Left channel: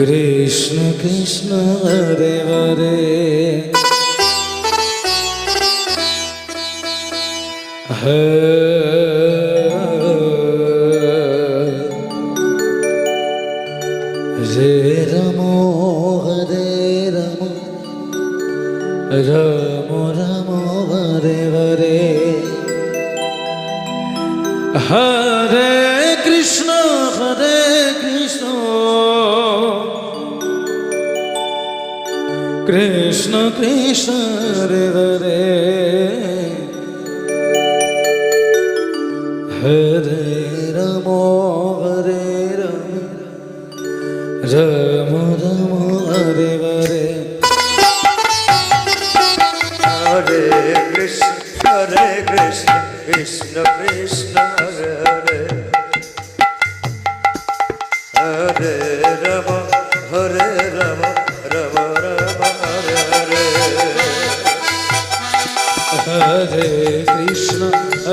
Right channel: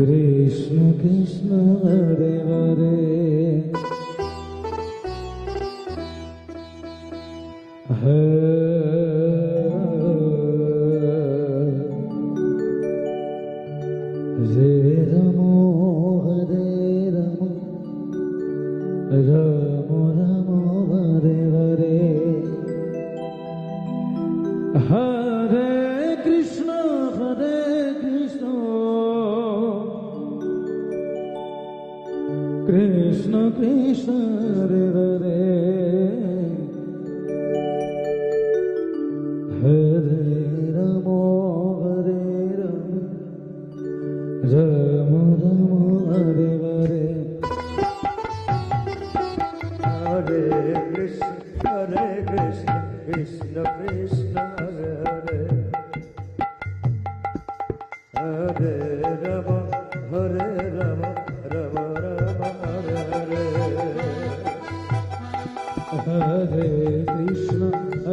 Krishna Krishna Hare Hare Hare রম হরে রম রম রম Hare Hare Hare Krishna Krishna ഹരേ ഹരേ രമോ ഹരേ Rama Rama Rama ഹരേ ഹരേ ഹരേ Krishna ഹരേ Krishna Krishna Krishna ഹരേ ഹരേ ഹരേ Rama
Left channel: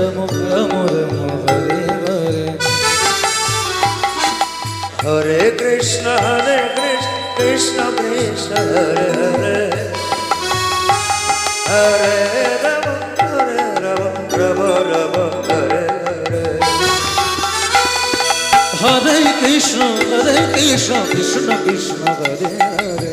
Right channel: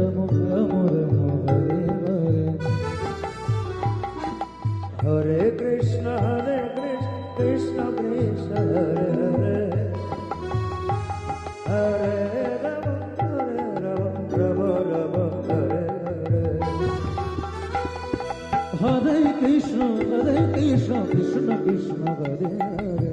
হরে Ram Ram Hare Hare Krishna, Hare Krishna, Krishna Krishna Hare Hare. Hare Rama, Hare Rama, Rama Rama Hare Hare. হরে Krishna হরে Krishna Krishna Krishna Hare Hare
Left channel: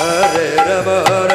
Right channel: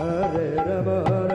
Hare Rama